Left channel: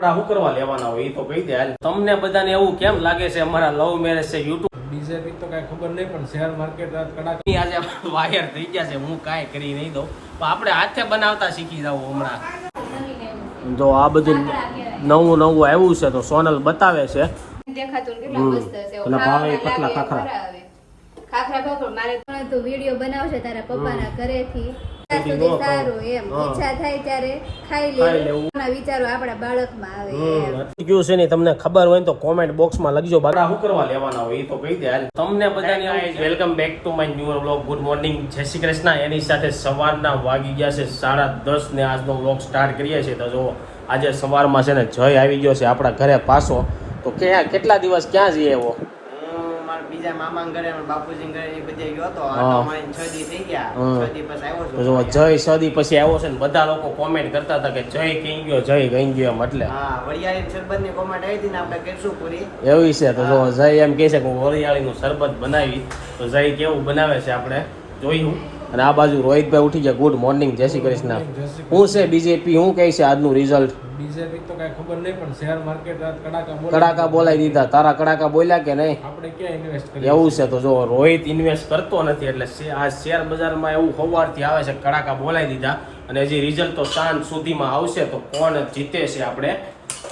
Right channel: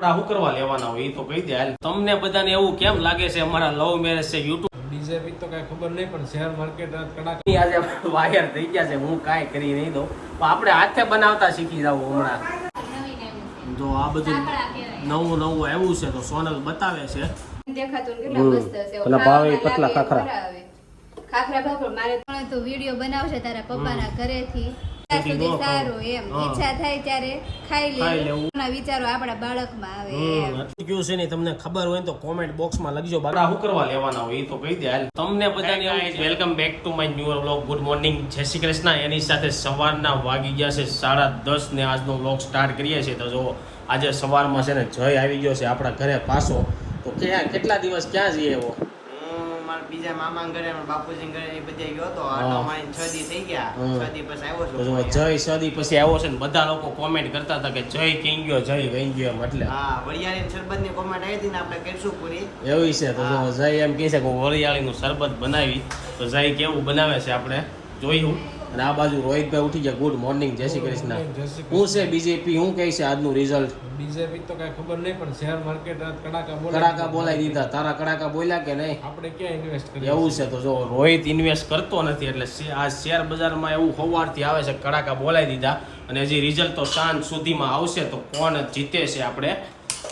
શું કરવા લેવાના હોય એ તો કહી દે હાલ. તમને બધાને એવું કેમ લાગે છે અમારા લવ મેરેજ છે યુટ્યુબ બીજેપી તો કઈ ખબર નહીં પણ શેર માર્કેટ આજ આજે વાયર થઈ ગયા છે હું કાંઈ કરી નહીં દઉં. પણ આપણે હાથે બનાવતા શીખી જાવ હમણાં. જો આ બધું નવું નવું આવ્યું છે તો સોનલ બતાવે છે. દેખાતું ને કેટલા મસ્ત છે. પેલા ભાવે પતલા ખાખરા. ખાખરા મારે પણ તો વીડિયો બનાવશે તારા પપ્પાના ઘરેથી. ત્યાં સુધી સુધી ન ખાવ. સારું એમ. ઈચ્છા થાય ત્યારે ખાઈ ખાઈ લેવું. લેવું. વિચારો આપણા બાળકમાં આવે એમ. કયું છે ને તમને ખબર હોય તો કોમેન્ટ બોક્સમાં લખજો બધા શું કરવા લેવાના હોય એ તો કહી દે. હાલ તમને બધાને welcome back to my new vlog good morning Jai Shri Krishna. એની સાથે સવારના વાગી ગયા છે સાડા દસ ને આજનો વ્લોગ સ્ટાર્ટ કરીએ છીએ. તો જો આજે સવારમાં છે ને જય આવી ગયો છે આપણા ઘરે પાછો. તો ક્યાં કેટલા દિવસ ક્યાં જઈએ એવો? બીજા મામા ઘરે બાપુજી ઘરે એ બધે ગયો હતો. આટો મારીને છ દી થઈ ગયા. છ દી પછી આવ્યો છું. જો જય સદી પછી આવ્યો છે ને બધા લોકો કોમેન્ટ કરતા હતા કે જય કઈ ગયો જય કઈ ગયો એમ એટલે. હા વરિયાળી શરબતની કોમેન્ટ આવી હતી ને આપણે કરશું પૂરી. એવી છે તો જો જય એમ કહે છે કે વરિયાળી વરિયાળીનું શરબત બનાવી તો જય કેવું બનાવે છે આપણે? જોયું અને આ બાજુ રોહિતભાઈ ઉઠી ગયા ગુડ મોર્નિંગ જય શ્રી કૃષ્ણ. હું છે બીજેપી હું કહે છે આજનું રિઝલ્ટ બીજેપી તો કઈ ખબર નહીં પણ શેર માર્કેટ કડાકા કડાકા બોલાવી દીધા. તારા કડાકા બોલ્યા કે નહીં? આપણે ક્યાં ઇન્વેસ્ટ કરીએ એવું છે તો જો રોહિત ઇન્વેસ્ટ કરતો નથી એટલે આ શેર બજારમાં એવું હોવારથી આવે છે કડાકા બોલાવી દીધા. અને હજી રિઝલ્ટ તો સાંજ સુધીમાં આવશે તો કોણ જીતે છે આપણે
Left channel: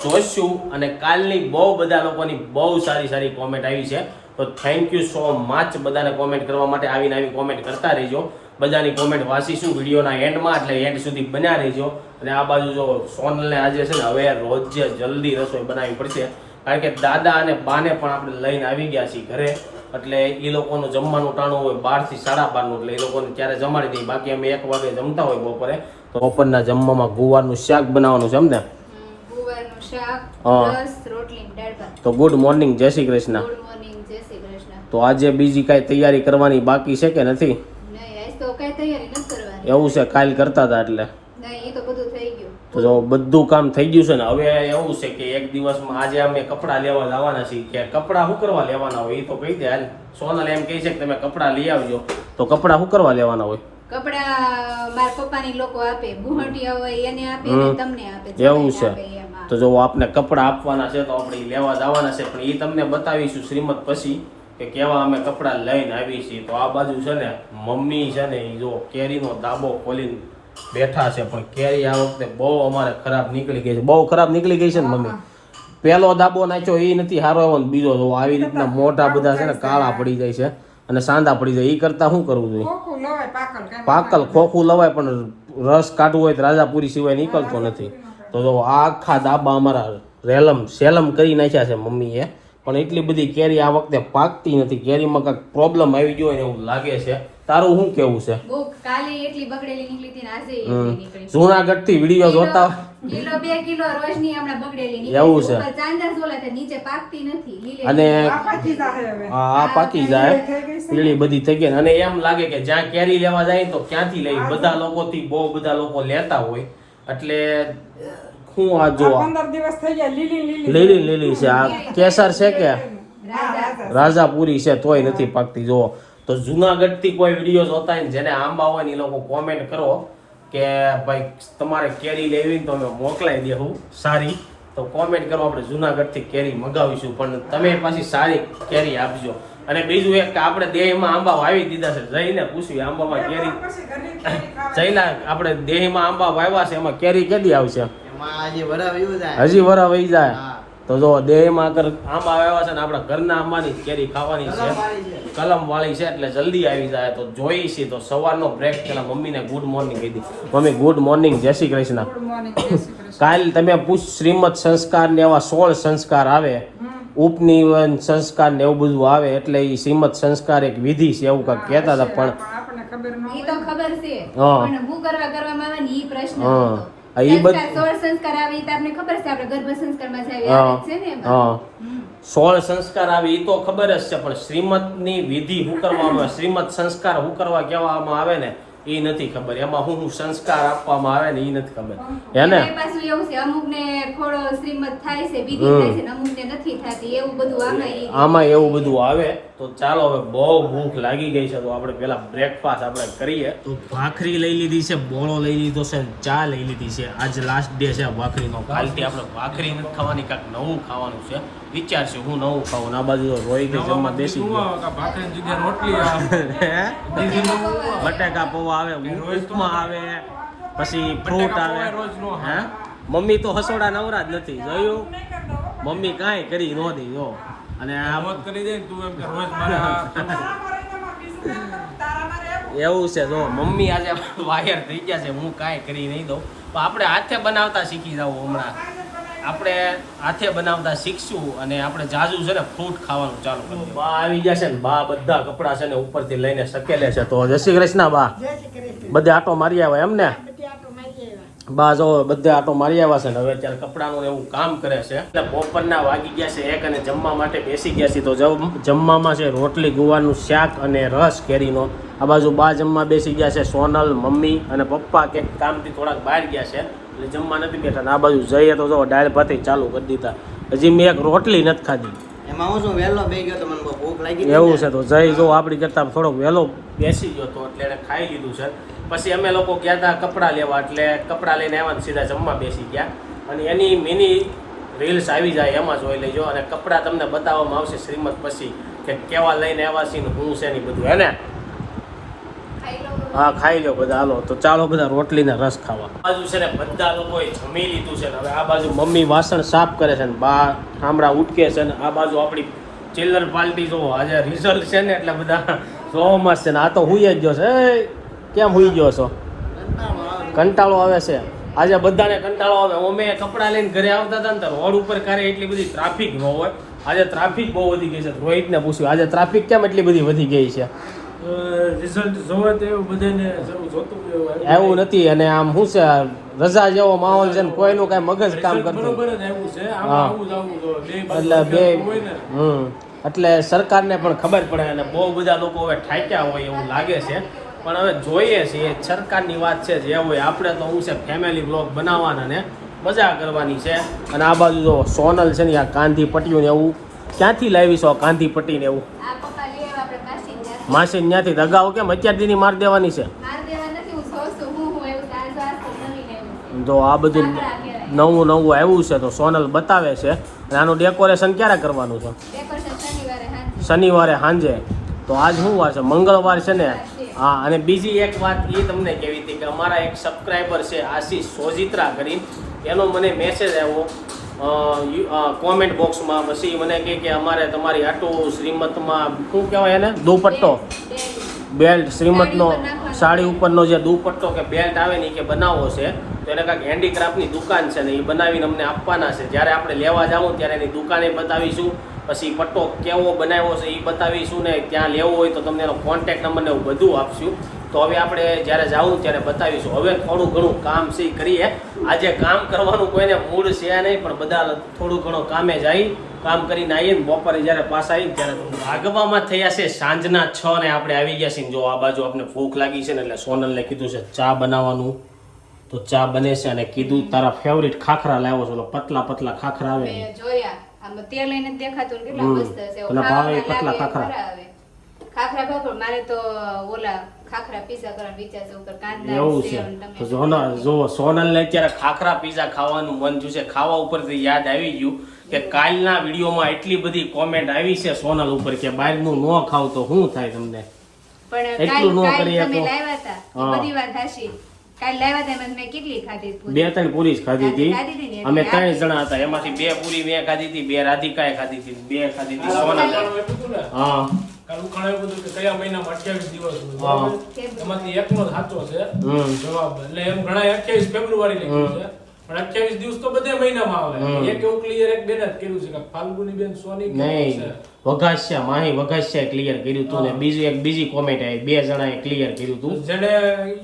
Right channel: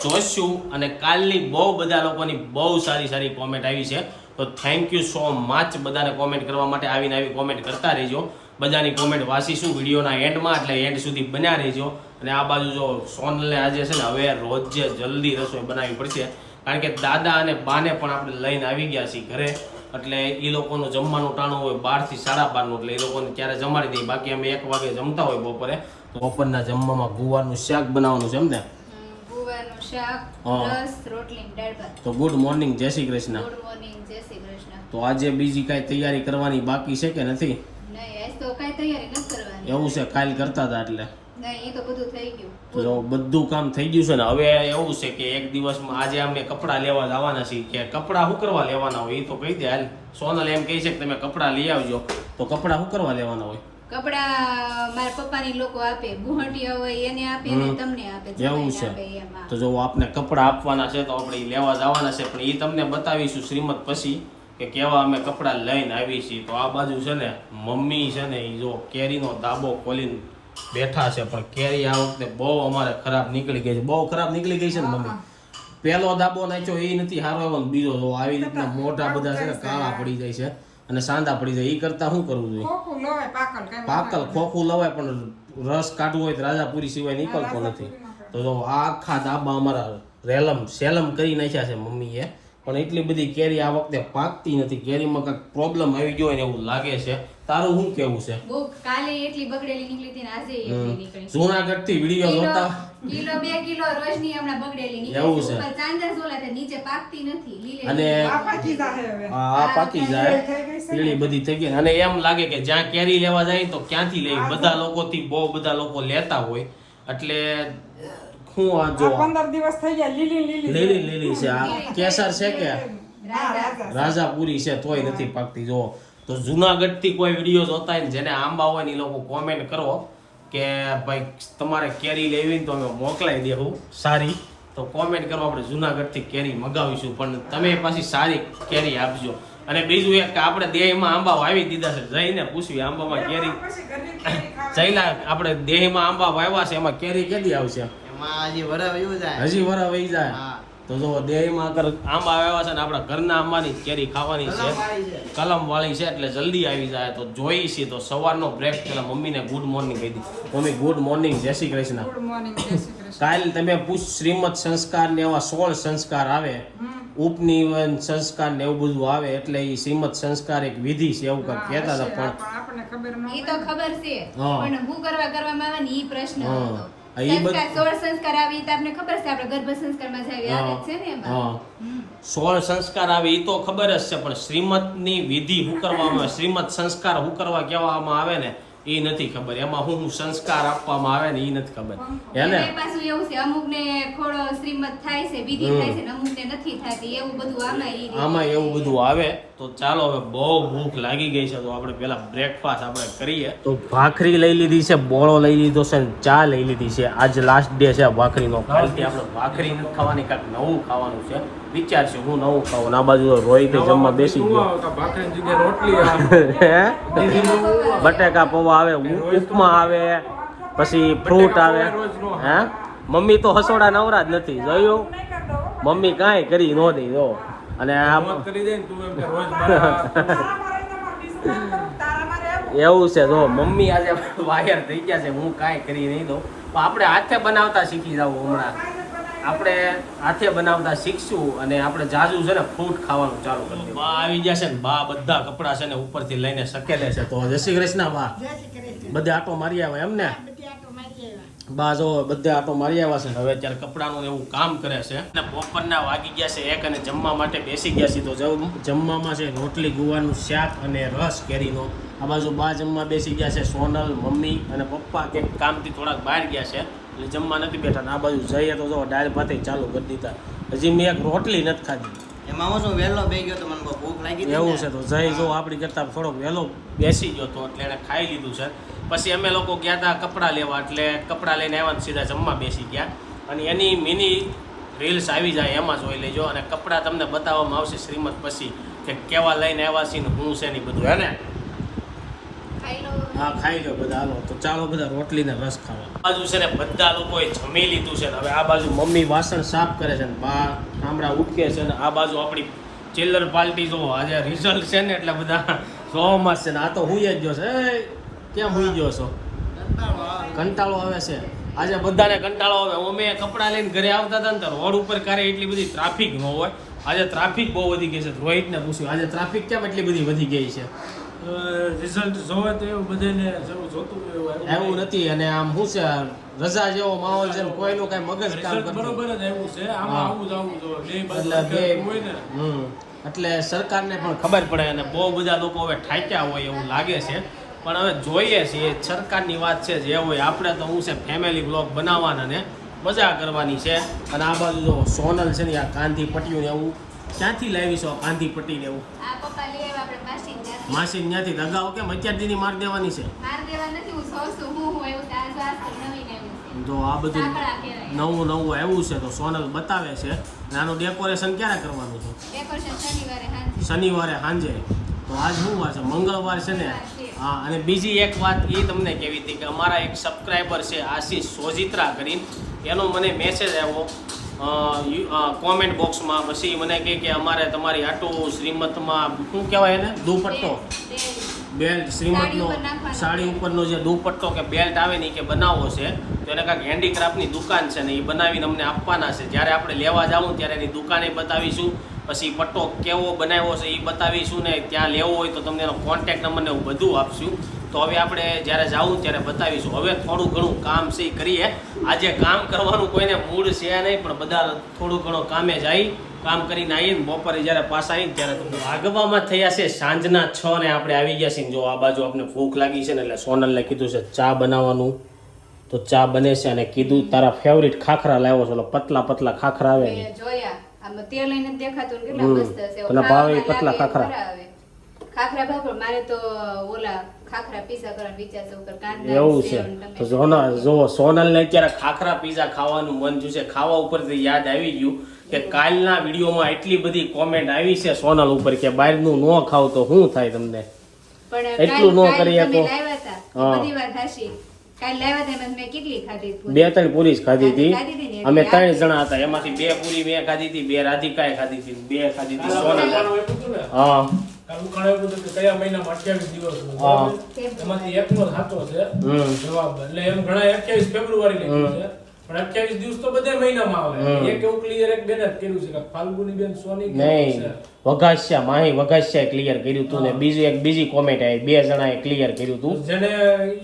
જોઈશું. અને કાલની બહુ બધા લોકોની બહુ સારી સારી કોમેન્ટ આવી છે. તો થેન્ક યુ સો મચ બધાને કોમેન્ટ કરવા માટે આવીને આવી કોમેન્ટ કરતા રહેજો. બધાની કોમેન્ટ વાંચીશું વિડીયોના એન્ડમાં એટલે એન્ડ સુધી બન્યા રહેજો. અને આ બાજુ જો સોનલને આજે છે ને હવે રોજે જલ્દી રસોઈ બનાવવી પડશે. કારણ કે દાદા અને બાને પણ આપણે લઈને આવી ગયા છીએ ઘરે. એટલે એ લોકોનું જમવાનું ટાણું હોય બારથી સાડા બારનું એટલે એ લોકોને ત્યારે જમાડી દઈએ. બાકી અમે એક વાગે જમતા હોય બપોરે. તો બપોરના જમવામાં ગુવારનું શાક બનાવવાનું છે એમ ને? તો ગુડ મોર્નિંગ જય શ્રી કૃષ્ણ ગુડ મોર્નિંગ જય શ્રી કૃષ્ણ તો આજે બીજી કાંઈ તૈયારી કરવાની બાકી છે કે નથી? એવું છે કાલ કરતા હતા એટલે. તો બધું કામ થઈ ગયું છે ને હવે એવું છે કે એક દિવસમાં આજે અમે કપડાં લેવા જવાના છીએ કે કપડાં શું કરવા લેવાના હોય એ તો કહી દે હાલ. સોનલ એમ કહે છે કે તમે કપડાં લઈ આવજો. તો કપડાં શું કરવા લેવાના હોય? કપડા મારા પપ્પાની લોકો આપે બુહટિયા હોય એને આપે. ને તમને આપે એવું છે. તો જો આપને કપડાં આપવાના છે તો આપણે લેવા જવાના છે પણ એ તમને બતાવીશું શ્રીમદ પછી. કે કેવા અમે કપડાં લઈને આવી છીએ તો આ બાજુ છે ને મમ્મી છે ને એ જો કેરીનો દાબો ખોલીને બેઠા છે પણ કેરી આ વખતે બહુ અમારે ખરાબ નીકળી ગઈ છે. બહુ ખરાબ નીકળી ગઈ છે ને મમ્મી. પહેલો દાબો નાખ્યો એ નથી સારો એવો ને બીજો જો આવી રીતના મોટા બધા છે ને કાળા પડી જાય છે અને સાંદા પડી જાય. એ કરતા શું કરવું જોઈએ? પાકલ ખોખું લવાય પણ રસ કાઢવું હોય તો રાજાપુરી સિવાય નીકળતો નથી. તો જો આ આખા દાબા અમારા રેલમ સેલમ કરી નાખ્યા છે મમ્મીએ. પણ એટલી બધી કેરી આ વખતે પાકતી નથી. કેરીમાં કાંઈક પ્રોબ્લેમ આવી ગયો હોય ને એવું લાગે છે. તારું શું કેવું છે? બહુ કાલે એટલી બગડેલી નીકળી હતી ને આજે એટલી નીકળી. જૂનાગઢથી વીડિયો જોતા કિલો બે કિલો રોજની હમણાં બગડેલી એવું છે. ચાંદા ઝોલા છે નીચે પાકતી નથી. લીલે અને લીલે. હા પાકી જાય લીલી બધી થઈ ગઈ અને એમ લાગે કે જ્યાં કેરી લેવા જાય તો ક્યાંથી લઈ? બધા લોકોથી બહુ બધા લોકો લેતા હોય. એટલે શું આ જો પંદર દિવસ થઈ ગયા લીલી લીલી લીલી લીલી. છે. આ કેસર છે કે? રાજાપુરી છે તોય નથી પાકતી જો તો જુનાગઢથી કોઈ વીડિયો જોતા હોય ને જેને આંબા હોય ને લોકો કોમેન્ટ કરો કે ભાઈ તમારે કેરી લેવી તો અમે મોકલાઈ દેવું સારી. તો કોમેન્ટ કરો આપણે જુનાગઢથી કેરી મગાવીશું પણ તમે પાછી સારી કેરી આપજો. અને બીજું એક કે આપણે દેહમાં આંબા વાવી દીધા છે જઈને પૂછ્યું આંબામાં કેરી. જઈલા આપણે દેહમાં આંબા વાવ્યા છે એમાં કેરી કેદી આવશે? હજી વરા વહી જાય. તો જો દેહમાં આગળ આંબા આવ્યા છે ને આપણા ઘરના આંબાની કેરી ખાવાની છે. કલમ વાળી છે. એટલે જલ્દી આવી જાય. તો જોઈ છે તો સવારનો બ્રેક પેલા મમ્મીને ગુડ મોર્નિંગ કહી દીધું મમ્મી ગુડ મોર્નિંગ જય શ્રી કૃષ્ણ. કાલ તમે પૂછ શ્રીમદ સંસ્કાર ને એવા સોળ સંસ્કાર આવે. ઉપનિવન સંસ્કાર ને એવું બધું આવે એટલે એ શ્રીમદ સંસ્કાર એક વિધિ છે એવું કાંઈક કહેતા હતા પણ ખબર તો ખબર છે. હા. પણ હું કરવા કરવામાં આવે ને એ પ્રશ્ન હા. હા, સોળ સંસ્કાર આવે હા હા. એ તો ખબર જ છે પણ શ્રીમતની વિધિ શું કરવામાં આવે શ્રીમદ સંસ્કાર હું કરવા કહેવામાં આવે ને એ નથી ખબર. એમાં હું હું સંસ્કાર આપવામાં આવે ને એ નથી ખબર. હે ને? પાછું એવું છે અમુક ને થોડો શ્રીમત થાય છે બીજી થાય છે અમુક ને નથી થતી એવું બધું આમાં આમાં એવું બધું આવે. તો ચાલો હવે બહુ ભૂખ લાગી ગઈ છે તો આપણે પેલા બ્રેકફાસ્ટ આપણે કરીએ. તો ભાખરી લઈ લીધી છે બોળો લઈ લીધો છે ચા લઈ લીધી છે. આજ લાસ્ટ ડે છે ભાખરીનો. કાલથી આપણે ભાખરી નથી ખાવાની કાંઈક નવું ખાવાનું છે. વિચારશું હું નવું ખાવું. ના આ બાજુ રોહિત જમવા બેસી ગયો. રોટલી આવે? હે? બીજી નવું આવે. બટેકા પૌવા આવે ઉપમા આવે પછી ફ્રૂટ આવે. હે? મમ્મી તો હસોડા નવરા જ નથી જોયું? મમ્મી કાંઈ કરી ન દે જો. અને આ મોત કરી દે તું એમ કે રોજ એવું છે જો મમ્મી આજે વાયર થઈ ગયા છે હું કાંઈ કરી નહીં દઉં. પણ આપણે હાથે બનાવતા શીખી જાવ હમણાં. આપણે હાથે બનાવતા શીખશું અને આપણે જાજુ છે ને ફ્રૂટ ખાવાનું ચાલુ કરી બા આવી ગયા છે ને બા બધા કપડા છે ને ઉપરથી લઈને શકેલે છે. તો જય શ્રી કૃષ્ણ બા. બધે આટો મારી આવે એમ ને? બા જો બધા આટો મારી આવ્યા છે ને હવે અત્યારે કપડાનું એવું કામ કરે છે. એટલે બપોરના વાગી ગયા છે એક અને જમવા માટે બેસી ગયા છે. તો જમ- જમવામાં છે રોટલી ગુવાનું શાક અને રસ કેરીનો. આ બાજુ બા જમવા બેસી ગયા છે સોનલ મમ્મી અને પપ્પા કે કામથી થોડાક બહાર ગયા છે. એટલે જમવા નથી બેઠા. આ બાજુ જઈએ તો જો દાળ ભાતી ચાલુ કરી દીધા. હજી મેં એક રોટલી નથી ખાધી. એમાં હું શું વહેલો બે ગયો તો મને ભૂખ લાગી એવું છે તો જઈ જો આપણી કરતા થોડોક વહેલો બેસી ગયો તો. એટલે એણે ખાઈ લીધું છે. પછી અમે લોકો ગયા હતા કપડાં લેવા એટલે કપડાં લઈને આવ્યા સીધા જમવા બેસી ગયા. અને એની મિની રીલ્સ આવી જાય એમાં જોઈ લેજો. અને કપડાં તમને બતાવવામાં આવશે શ્રીમદ પછી કે કેવા લઈને આવ્યા છે ને હું છે ને બધું હે ને? હા ખાઈ લો બધા. હાલો તો ચાલો બધા રોટલીને રસ ખાવા. બાજુ છે ને બધા લોકોએ જમી લીધું છે ને. હવે આ બાજુ મમ્મી વાસણ સાફ કરે છે ને. બા ઠામડા ઉટકે છે ને. આ બાજુ આપણી ચિલ્લર પાર્ટી જો આજે રિઝલ્ટ છે ને એટલે બધા જોવામાં છે ને. આ તો હુઈ જ એ, કેમ હુઈ ગયો છો? કંટાળો આવે. છે. આજે બધાને કંટાળો આવે. અમે કપડાં લઈને ઘરે આવતા હતા ને રોડ ઉપર ક્યારે એટલી બધી ટ્રાફિક ન હોય. આજે ટ્રાફિક બહુ વધી ગઈ છે. રોહિતને પૂછ્યું આજે ટ્રાફિક કેમ એટલી બધી વધી ગઈ છે? રિઝલ્ટ જોવે તો એવું બધાને જોતું એવું એવું નથી. અને આમ શું છે રજા જેવો માહોલ છે કોઈનું કઈ મગજ કામ કરતું બરોબર જ એવું છે. આમાં આવું જ આવવું જોઈએ એટલે બે હોય ને. હમ. એટલે સરકારને પણ ખબર પડે અને બહુ બધા લોકો હવે ઠાક્યા હોય એવું લાગે છે. પણ હવે જોઈએ છીએ સરકારની વાત છે જે હોય આપણે તો હું છે ફેમિલી બ્લોગ બનાવવાના ને મજા કરવાની છે. અને આ બાજુ જો સોનલ છે ને આ કાંધી પટ્યું ને એવું ક્યાંથી લાવી છો કાંધી પટ્ટી ને એવું. માસી ત્યાંથી. દગાઓ કેમ અત્યારથી માર દેવાની છે? તો આ બધું નવું નવું આવ્યું છે તો સોનલ બતાવે છે. અને આનું ડેકોરેશન ક્યારે કરવાનું છે? શનિવારે સાંજે. શનિવારે સાંજે. તો આજ શું વાર છે? મંગળવાર છે ને. હા અને બીજી એક વાત એ તમને કહેવી હતી કે અમારા એક સબસ્ક્રાઈબર છે આશીષ સોજિત્રા કરીને એનો મને મેસેજ આવ્યો કોમેન્ટ બોક્સમાં પછી મને કહે કે અમારે તમારી આટું શ્રીમતમાં શું કહેવાય એને? દુપટ્ટો. બેલ્ટ શ્રીમતનો સાડી ઉપરનો જે દુપટ્ટો કે બેલ્ટ આવે ને એ કે બનાવવો છે તો એને કાંઈક હેન્ડીક્રાફ્ટની દુકાન છે ને એ બનાવીને અમને આપવાના છે. જ્યારે આપણે લેવા જાવું ત્યારે એની દુકાને બતાવીશું. પછી પટ્ટો કેવો બનાવ્યો છે એ બતાવીશું ને ક્યાં લેવો હોય તો તમને એનો કોન્ટેક્ટ નંબર ને એવું બધું આપશું. તો હવે આપણે જ્યારે જાવું ત્યારે બતાવીશું. હવે થોડું ઘણું કામ છે એ કરીએ. આજે કામ કરવાનું કોઈને મૂડ છે નહીં, પણ બધા થોડું ઘણું કામે જાય કામ કરીને આવીએ ને બપોરે જ્યારે પાસા આવીને ત્યારે વાગવામાં થયા છે સાંજના છ ને આપણે આવી ગયા છીએ જો આ બાજુ આપણે ભૂખ લાગી છે ને એટલે સોનલને કીધું છે ચા બનાવવાનું. તો ચા બને છે અને કીધું, તારા ફેવરિટ ખાખરા લાવ્યો છે. પતલા પતલા ખાખરા આવે જોયા. તેલ લઈને દેખાતું ને કેટલા મસ્ત પેલા ભાવે પતલા ખાખરા. ખાખરા ભાખર મારે તો ઓલા ખાખરા પીઝા કરવાનું વિચાર છે ઉપર કાંદા એવું છે. તો જોના જો સોનલને અત્યારે ખાખરા પીઝા ખાવાનું મન થયું છે. ખાવા ઉપરથી યાદ આવી ગયું કે કાલના વિડીયોમાં એટલી બધી કોમેન્ટ આવી છે સોનલ ઉપર કે બહારનું ન ખાવ તો શું થાય તમને? એટલું ન કરીએ તો. એ હા. બધી વાત. કાલ લાવ્યા હતા એમાં મેં કેટલી ખાધી પૂરી? બે ત્રણ પૂરી જ ખાધી ખાધી હતી ને અમે એટલે ત્રણ જણા હતા. એમાંથી બે પૂરી મેં ખાધી હતી બે રાધિકાએ ખાધી હતી બે ખાધી હતી ઉખાણું આપ્યું હતું ને? હા. કાલ ઉખાણું આપ્યું હતું કે કયા મહિનામાં અઠ્યાવીસ દિવસ હોય, હા. બરાબર? એમાંથી એકનો સાચો છે. હમ. જવાબ. એટલે એમ ઘણા અઠ્યાવીસ ફેબ્રુઆરી લખ્યું છે. પણ અઠ્યાવીસ દિવસ તો બધા મહિનામાં આવે. એક એવું ક્લિયર એક બેન જ કર્યું છે કે ફાલ્ગુની બેન સોની નહીં વઘાસ્યા માહી વઘાસિયા ક્લિયર કર્યું તું ને બીજું એક બીજી કોમેન્ટ આવી બે જણાએ ક્લિયર કર્યું તું. જેને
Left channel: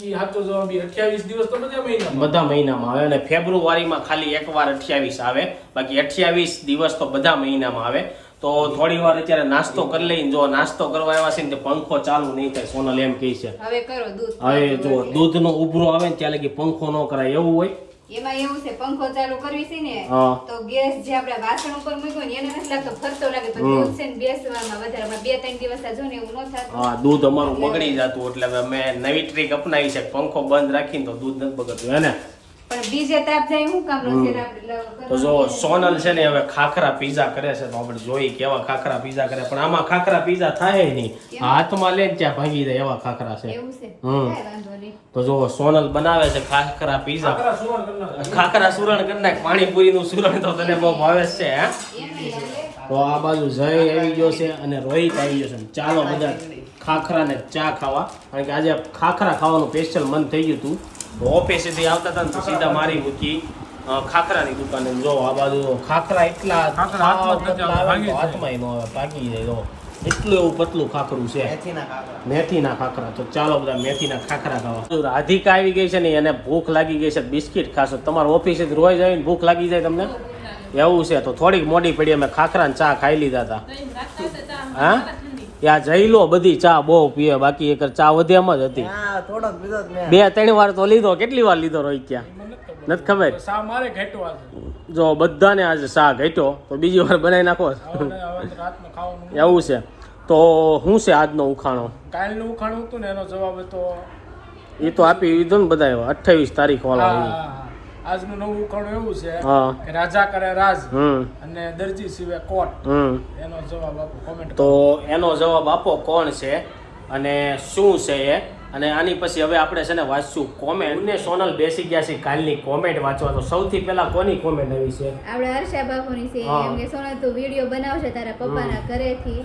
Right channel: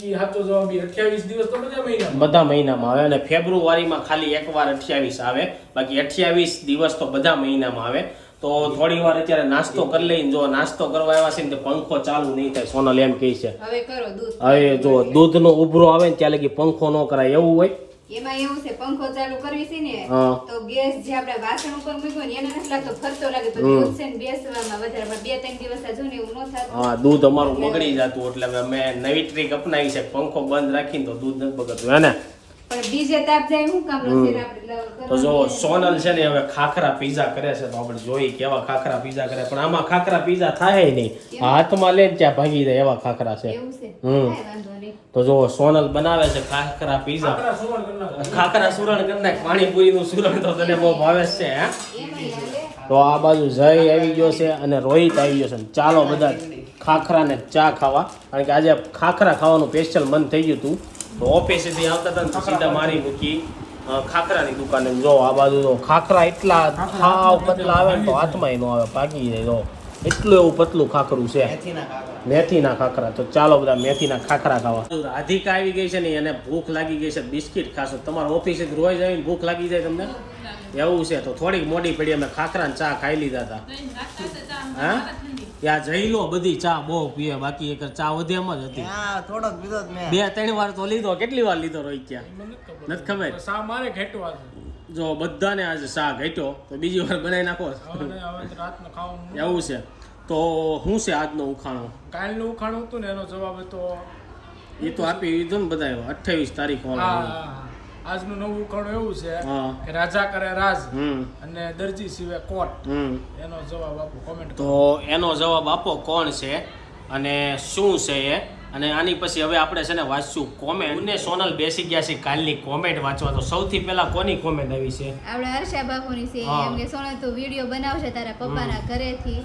ઈ સાચો જવાબ ઈ 28 દિવસ તો બધા મહિનામાં બધા મહિનામાં આવે અને ફેબ્રુઆરીમાં ખાલી એકવાર અઠ્યાવીસ આવે. બાકી અઠ્યાવીસ દિવસ તો બધા મહિનામાં આવે. તો થોડી વાર અત્યારે નાસ્તો કરી લઈને જો નાસ્તો કરવા આવ્યા છે ને પંખો ચાલુ નહીં થાય સોનલ એમ કહે છે. હવે કરો દૂધ હવે જો દૂધનો ઉભરો આવે ને ત્યાં લગી પંખો ન કરાય એવું હોય. એમાં એવું છે પંખો ચાલુ કરવી છે ને તો ગેસ જે આપણે વાસણ ઉપર મૂક્યો ને એને નથી લાગતો ફરતો લાગે. તો દૂધ છે ને બેસવામાં વધારે બે ત્રણ દિવસ જો ને એવું ન થતું. હા દૂધ અમારું બગડી જતું એટલે મેં અમે નવી ટ્રીક અપનાવી છે પંખો બંધ રાખીને તો દૂધ નથી બગડતું હે ને? પણ બીજે તાપ જાય હું કામ નથી આપણે લાવ- તો જો સોનલ છે ને હવે ખાખરા પીઝા કરે છે તો આપણે જોઈ કેવા ખાખરા પીઝા કરે પણ આમાં ખાખરા પીઝા થાય નહીં. હાથમાં લઈને ત્યાં ભાગી જાય એવા ખાખરા છે. હમ. તો જો સોનલ બનાવે છે ખાખરા પીઝા. ખાખરા સુરણ કરી નાખ. પાણીપુરીનું સુરણ તો તને બહુ ભાવે છે હે? તો આ બાજુ જય આવી ગયો છે અને રોહિત આવી ગયો છે. ચાલો બધા ખાખરા ને ચા ખાવા. કારણ કે આજે ખાખરા ખાવાનું સ્પેશિયલ મન થઈ ગયું હતું. તો ઓફિસેથી આવતા હતા ને તો સીધા મારી મૂકી ખાખરાની દુકાને. જો આ બાજુ જો ખાખરા એટલા સાવ હાથમાં એનો આવે ને તો હાથમાં ન આવે ભાગી જાય જો એટલું એવું પતલું ખાખરું છે. મેથીના ખાખરા. તો ચાલો બધા મેથીના ખાખરા ખાવા. રાધિકા આવી ગઈ છે ને એને ભૂખ લાગી ગઈ છે બિસ્કિટ ખાશો. તમારા ઓફિસે રોજ આવીને ભૂખ લાગી જાય તમને? એવું છે તો થોડીક મોડી પડી અમે ખાખરા ચા ખાઈ લીધા હતા. હા? ત્યાં જઈ લો બધી ચા બહુ પીએ બાકી એક ચા વધે એમ જ હતી. બે ત્રણ વાર તો લીધો. કેટલી વાર લીધો રોહિત ત્યાં? નથી ખબર. મારે ઘેટવા જો બધાને આજે શા ઘટ્યો તો બીજી વાર બનાવી નાખો. એવું છે. તો શું છે આજનો ઉખાણો? કાલનું ઉખાણું હતું ને એનો જવાબ હતો એ તો આપી દીધો ને બધા અઠ્ઠાવીસ તારીખ વાળા. આજનું નવું ઉખાણું એવું છે કે રાજા કરે રાજ અને દરજી સિવાય કોટ. એનો જવાબ આપો કોમેન્ટ તો એનો જવાબ આપો કોણ છે અને શું છે એ? અને આની પછી હવે આપણે છે ને વાંચશું કોમેન્ટ ને સોનલ બેસી ગયા છે કાલની કોમેન્ટ વાંચવા. તો સૌથી પહેલા કોની કોમેન્ટ આવી છે? આપણે હર્ષા બાપુની છે એમ કે સોનલ તું વીડિયો બનાવશે તારા પપ્પાના ઘરેથી.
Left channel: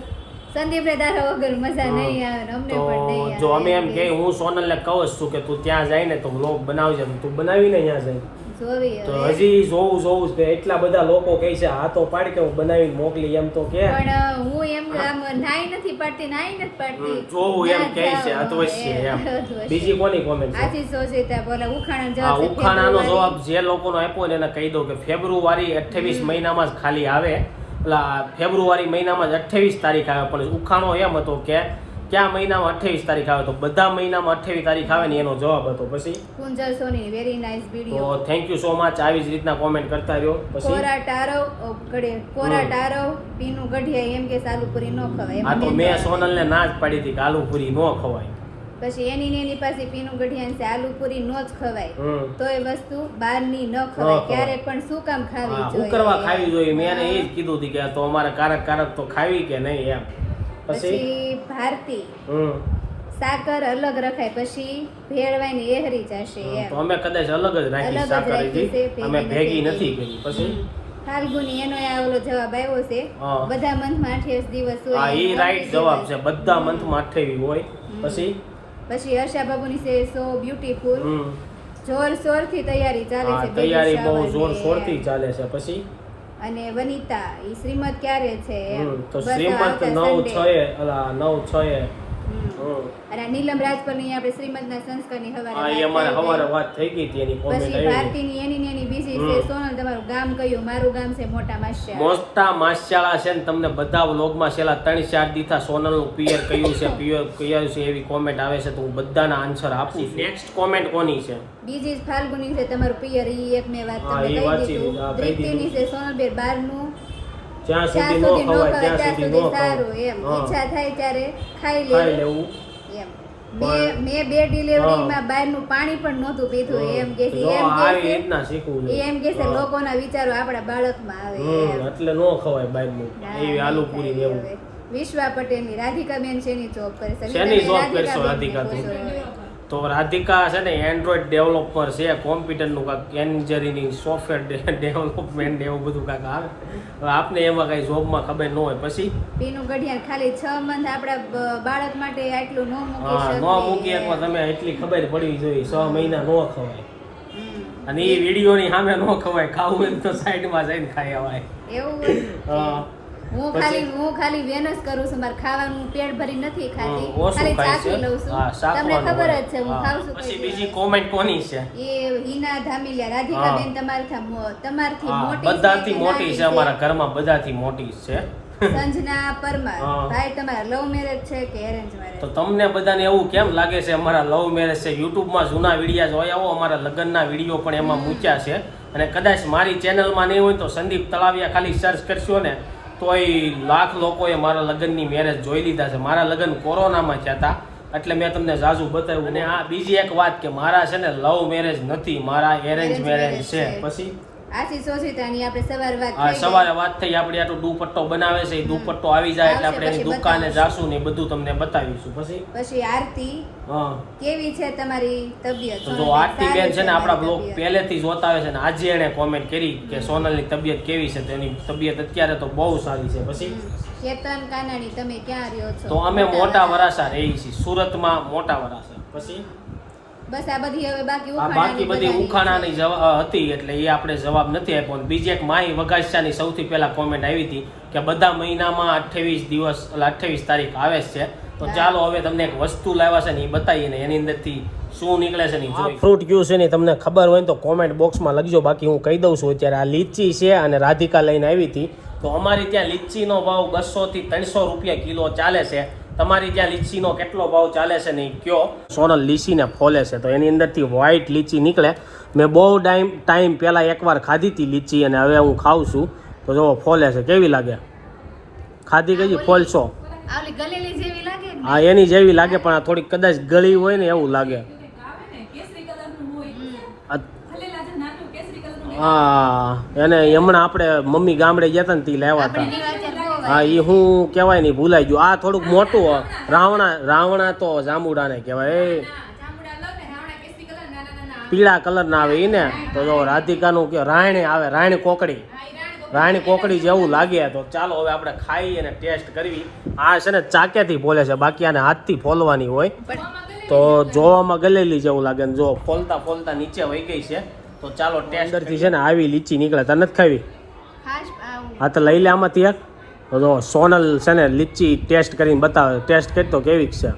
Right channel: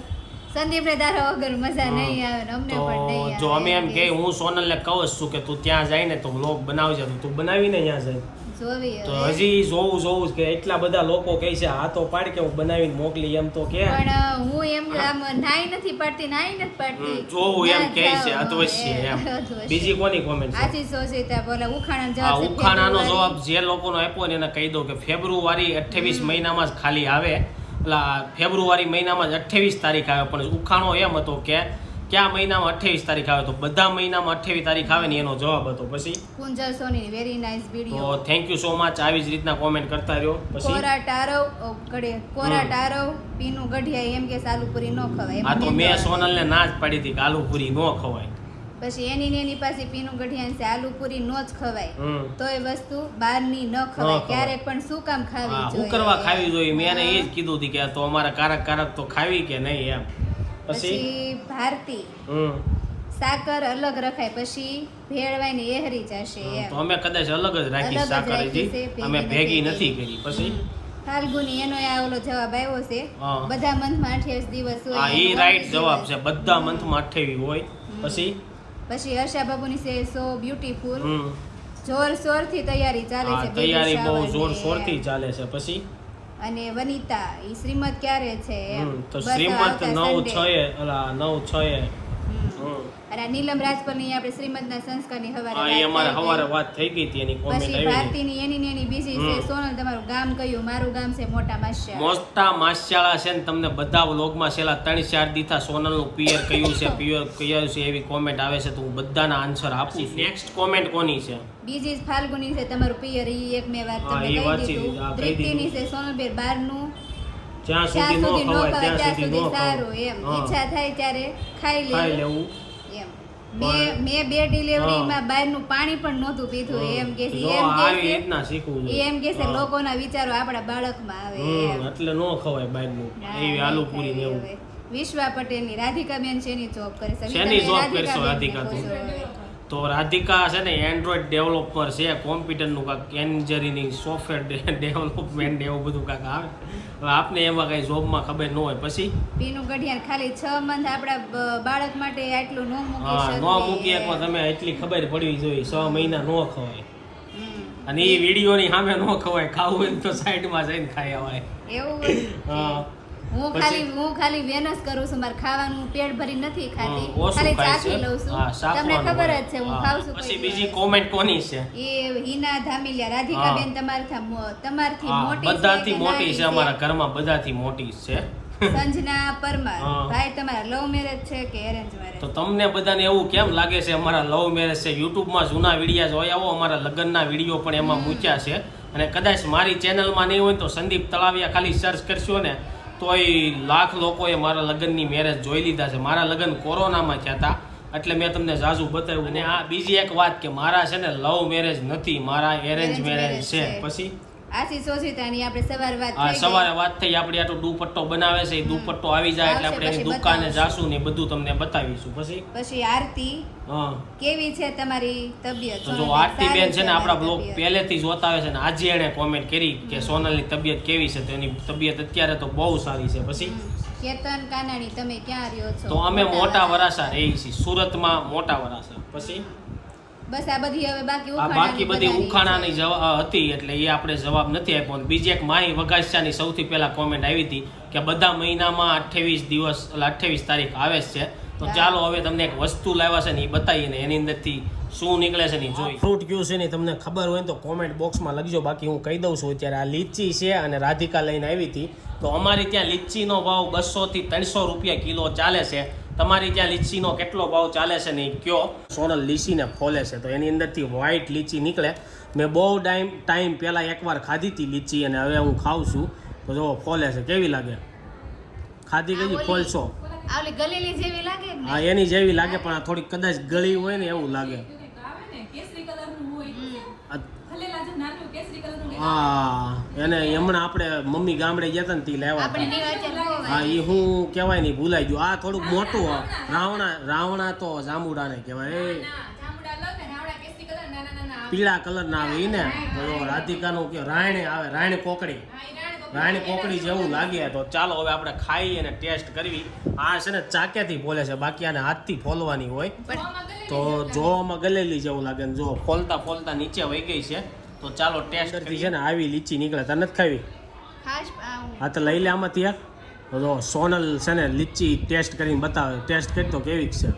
સંદીપને તારા વગર મજા નહીં આવે અમને પણ નહીં જો અમે એમ કે હું હું સોનલને કહું છું કે તું ત્યાં જાય ને તો લોક બનાવજે તો તું બનાવીને અહીંયા જાય. તો હજી જોવું જોવું કે એટલા બધા લોકો કહે છે હા તો પાડ કે હું બનાવીને મોકલી એમ તો કે. પણ હું એમ આમ નાઈ નથી પાડતી નાઈ નથી પાડતી. જોવું એમ ના કહે છે અધવશ્ય એમ. બીજી કોની કોમેન્ટ છે? આથી સોચીતા બોલે ઉખાણા જવાબ ઉખાણાનો જવાબ જે લોકોનો આપ્યો ને એને કહી દો કે ફેબ્રુઆરી અઠ્ઠાવીસ મહિનામાં જ ખાલી આવે. એટલે ફેબ્રુઆરી મહિનામાં જ અઠ્ઠાવીસ તારીખ આવે પણ ઉખાણો એમ હતો કે કયા મહિનામાં અઠ્ઠાવીસ તારીખ આવે તો બધા મહિનામાં અઠ્ઠાવીસ તારીખ આવે ને એનો જવાબ હતો. પછી? કુંજલ સોની વેરી નાઇસ તો થેન્ક યુ સો મચ આવી જ રીતના કોમેન્ટ કરતા રહ્યો. પછી? કોરા ટારવ ઓ, કોરા ટારવ પીનું ગઢિયા એમ કે સાલુપુરી ન ખવાય. આ તો મેં સોનલને ના જ પાડી હતી કે આલુપુરી ન ખવાય. પછી એની ને એની પાસે પીનું ગઢિયાન છે આલુપુરી નો જ ખવાય. તો એ વસ્તુ બહારની ન ખવાય. ખવાય. ક્યારે પણ શું કામ ખાવી જોઈએ? હું કરવા ખાવી જોઈએ. મેં એને એ જ કીધું હતું કે તો અમારે કારક કારક તો ખાવી કે નહીં એમ. પછી? ભારતી. સાકર અલગ રખાય. પછી ભેળવાઈને એહરી જશે તો અમે કદાચ અલગ જ રાખી સાકર અમે ભેગી નથી કરી. પછી? ફાલ્ગુની એનો આ ઓલો જવાબ આવ્યો છે. બધા મંથમાં અઠ્યાવીસ દિવસ હોય હા એ રાઈટ જવાબ છે. બધા મંથમાં અઠ્ઠાવીસ હોય. પછી? પછી હર્ષા બાબુની છે સો બ્યુટીફુલ જોર શોરથી તૈયારી ચાલે છે તૈયારી બહુ જોર શોરથી ચાલે છે પછી અને વનિતા ઈ શ્રીમદ ક્યારે છે. તો નવ Sunday. છ એ અલા 9 6 એ. અને નીલમ રાજપલની આપણે શ્રીમદના સંસ્કારની હવારે હા એ વાત અમારે થઈ વાત થઈ ગઈ હતી એની કોમેન્ટ આવી ભારતીની એની ને એની બીજી છે સોનલ તમારું ગામ કયું? મારું ગામ છે મોટા માસ્યા. મોટા માસ્યાળા છે ને તમને બધા વ્લોગમાં છેલ્લા ત્રણ ચાર દીથા સોનલનું પિયર કયું છે પિયર કયું છે એવી કોમેન્ટ આવે છે તો હું બધાના આન્સર આપું છું. નેક્સ્ટ કોમેન્ટ કોની છે? બીજી ફાલ્ગુની છે તમારું પિયર ઈ એક મેં વાત તમને કહી દીધું. પ્રીતિની છે સોનલબેન બારનું. જ્યાં સુધી ન ખવાય ત્યાં સુધી ન સારું એમ. ઈચ્છા થાય ત્યારે ખાઈ લેવું. એમ. મેં બે ડિલિવરીમાં બહારનું પાણી પણ નહોતું પીધું. એમ કે છે એમ કે આવી રીતના શીખવું એમ કે છે લોકોના વિચારો આપણા બાળકમાં આવે એમ. એટલે ન ખવાય બહારનું. એવી આલુ પૂરી ને એવું. વિશ્વા પટેલની રાધિકાબેન શેની જોબ કરે છે? શેની જોબ કરશો, રાધિકા તું? તો રાધિકા છે ને એન્ડ્રોઈડ ડેવલપર છે કોમ્પ્યુટરનું કાંક એન્જિનિયરિંગ સોફ્ટવેર ડેવલપમેન્ટ એવું બધું કાંક આવે. હવે આપને એમાં કાંઈ જોબમાં ખબર ન હોય. પછી? પીનું ગઢિયાર ખાલી છ મંથ આપણા બાળક માટે આટલું ન મૂકી હા ન મૂકી એકમાં તમે એટલી ખબર પડવી જોઈએ. છ મહિના ન ખવાય. અને એ વિડીયોની સામે ન ખવાય. ખાવું હોય તો સાઈડમાં જઈને ખાઈ અવાય એવું હા. હું ખાલી હું ખાલી વેનસ કરું છું મારે ખાવાનું પેટ ભરી નથી ખાતી. ખાલી ચાખી લઉં છું. તમને ખબર જ છે હું ખાઉં છું પછી બીજી કોમેન્ટ કોની છે? એ હિના ધામીલિયા રાધિકા બેન તમારથી તમારથી મોટી બધાથી મોટી છે અમારા ઘરમાં બધાથી મોટી છે. સંજના પરમાર. ભાઈ તમારા લવ મેરેજ છે કે એરેન્જ તો તમને બધાને એવું કેમ લાગે છે અમારા લવ મેરેજ છે? યુટ્યુબમાં જૂના વિડીયા જોઈ આવો અમારા લગ્નના વીડિયો પણ એમાં મૂક્યા છે. અને કદાચ મારી ચેનલમાં નહીં હોય તો સંદીપ તળાવિયા ખાલી સર્ચ કરશો ને. તોય લાખ લોકોએ મારા લગ્નની મેરેજ જોઈ લીધા છે. મારા લગ્ન કોરોનામાં થયા હતા. એટલે મેં તમને ઝાઝુ બતાવ્યું. અને આ બીજી એક વાત કે મારા છે ને લવ મેરેજ નથી. મારા એરેન્જ મેરેજ છે. પછી આશી સોશિતાની આપણે સવાર વાત આ થઈ ગઈ. સવારે વાત થઈ આપણી આટલો દુપટ્ટો બનાવે છે દુપટ્ટો આવી જાય એટલે આપણે એની દુકાને જાશું ને બધું તમને બતાવીશું પછી? પછી આરતી હા. કેવી છે તમારી તબિયત? તો આરતી બેન છે ને આપણા બ્લોગ. પહેલેથી જોતા આવે છે ને આજે એણે કોમેન્ટ કરી કે સોનલની તબિયત કેવી છે તેની તબિયત અત્યારે તો બહુ સારી છે પછી? કેતન કાનાણી તમે ક્યાં રહ્યો છો? તો અમે મોટા વરાસા રહી છીએ સુરતમાં મોટા વરાસા પછી? બસ આ બધી હવે બાકી આ બાકી બધી ઉખાણાની હતી એટલે એ આપણે જવાબ નથી આપ્યો. બીજી એક માહી વગાસિયાની સૌથી પહેલા કોમેન્ટ આવી હતી કે બધા મહિનામાં અઠ્ઠાવીસ દિવસ એટલે અઠ્ઠાવીસ તારીખ આવે જ છે. તો ચાલો હવે તમને એક વસ્તુ લાવ્યા છે ને એ બતાવીએ ને એની અંદરથી શું નીકળે છે ને જોઈ. ફ્રૂટ કયું છે ને તમને ખબર હોય તો કોમેન્ટ બોક્સમાં લખજો. બાકી હું કહી દઉં છું અત્યારે આ લીચી છે અને રાધિકા લઈને આવી હતી. તો અમારી ત્યાં લીચીનો ભાવ બસો થી ત્રણસો રૂપિયા કિલો ચાલે છે. તમારી ત્યાં લીચીનો કેટલો ભાવ ચાલે છે ને કયો? સોનલ લીચીને ફોલે છે. તો એની અંદરથી વ્હાઈટ લીચી નીકળે. મેં બહુ ટાઈમ ટાઈમ પહેલાં એકવાર ખાધી હતી લીચી અને હવે હું ખાઉં છું. તો જો ફોલે છે. કેવી લાગે? ખાધી કઈ ફોલશો આવલી ગલેલી જેવી લાગે ને હા એની જેવી લાગે પણ આ થોડીક કદાચ ગળી હોય ને એવું લાગે. આ- હા એને હમણાં આપણે મમ્મી ગામડે ગયા હતા ને તે લેવા હતા હા એ હું કહેવાય નહીં ભૂલાઈ ગયું. આ થોડુંક મોટું રાવણા રાવણા તો જાંબુડાને કહેવાય. પીળા કલર ના આવે એને તો જો રાધિકાનું કે રાયણી આવે રાયણી કોકડી. રાયણી કોકડી જેવું લાગે. તો ચાલો હવે આપણે ખાઈ અને ટેસ્ટ કરવી. આ છે ને ચાકેથી ફોલે છે. બાકી આને હાથથી ફોલવાની હોય. તો જોવામાં ગલેલી જેવું લાગે ને જો ફોલતા ફોલતા નીચે વહી ગઈ છે. તો ચાલો ટેસ્ટથી છે ને આવી લીચી નીકળે તને નથી ખાવી? ખાસ હા તો લઈ લે આમાંથી એક તો સોનલ છે ને લીચી ટેસ્ટ કરીને બતાવે. ટેસ્ટ કરતો કેવી છે.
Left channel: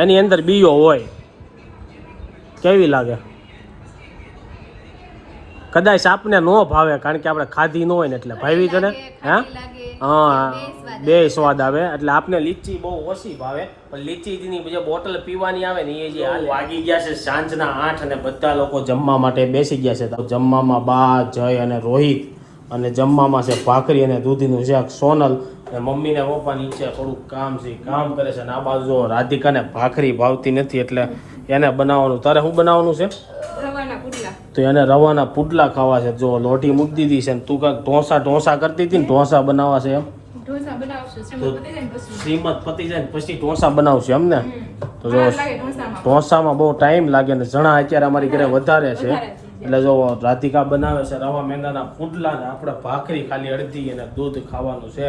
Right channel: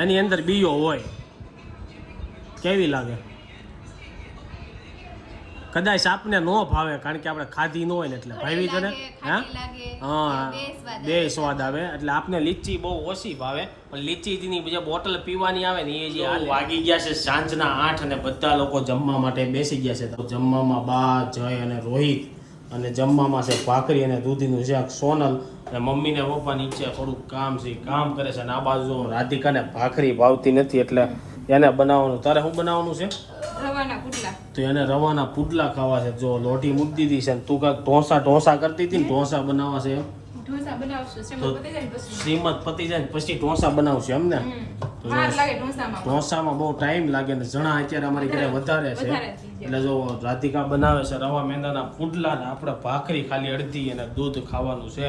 એની અંદર બીયો હોય. કેવી લાગે? કદાચ આપને ન ભાવે કારણ કે આપણે ખાધી ન હોય ને એટલે ભાવી તને લાગે, હા હા બે સ્વાદ આવે એટલે આપને લીચી બહુ ઓછી ભાવે પણ લીચીની જે બોટલ પીવાની આવે ને એ જે વાગી ગયા છે સાંજના આઠ અને બધા લોકો જમવા માટે બેસી ગયા છે. તો જમવામાં બા જય અને રોહિત અને જમવામાં છે ભાખરી અને દૂધીનું શાક સોનલ અને મમ્મીને પપ્પાની નીચે થોડુંક કામ છે કામ કરે છે ને આ બાજુ રાધિકાને ભાખરી ભાવતી નથી એટલે એને બનાવવાનું? તારે શું બનાવવાનું છે? તો એને રવાના પુડલા ખાવા છે. જો લોટી મૂકી દીધી છે તું કાંઈક ઢોસા ઢોસા કરતી હતી ને ઢોસા બનાવવા છે એમ? તો શ્રીમંત પતી જાય ને પછી? શ્રીમદ પતી જાય પછી ઢોસા બનાવશે એમ ને? તો જો ઢોસામાં. બહુ ટાઈમ લાગે ને જણા અત્યારે અમારી ઘરે વધારે છે. વધારે છે. એટલે જો રાધિકા બનાવે છે રવા મેંદાના પુડલા ને આપણે ભાખરી ખાલી અડધી અને દૂધ ખાવાનું છે.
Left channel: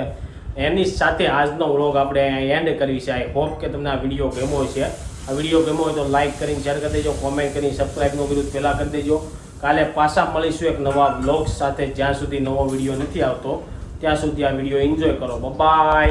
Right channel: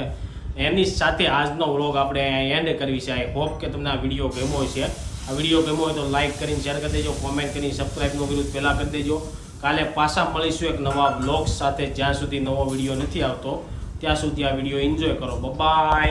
એની સાથે આજનો વ્લોગ આપણે એન્ડ કરવી છે આઈ હોપ કે તમને આ વીડિયો ગમ્યો છે આ વીડિયો ગમ્યો હોય તો લાઈક કરીને શેર કરી દેજો કોમેન્ટ કરીને સબસ્ક્રાઈબ વિરોધ પહેલાં કરી દેજો. કાલે પાછા મળીશું એક નવા બ્લોગ સાથે. જ્યાં સુધી નવો વીડિયો નથી આવતો, ત્યાં સુધી આ વીડિયો એન્જોય કરો. બાય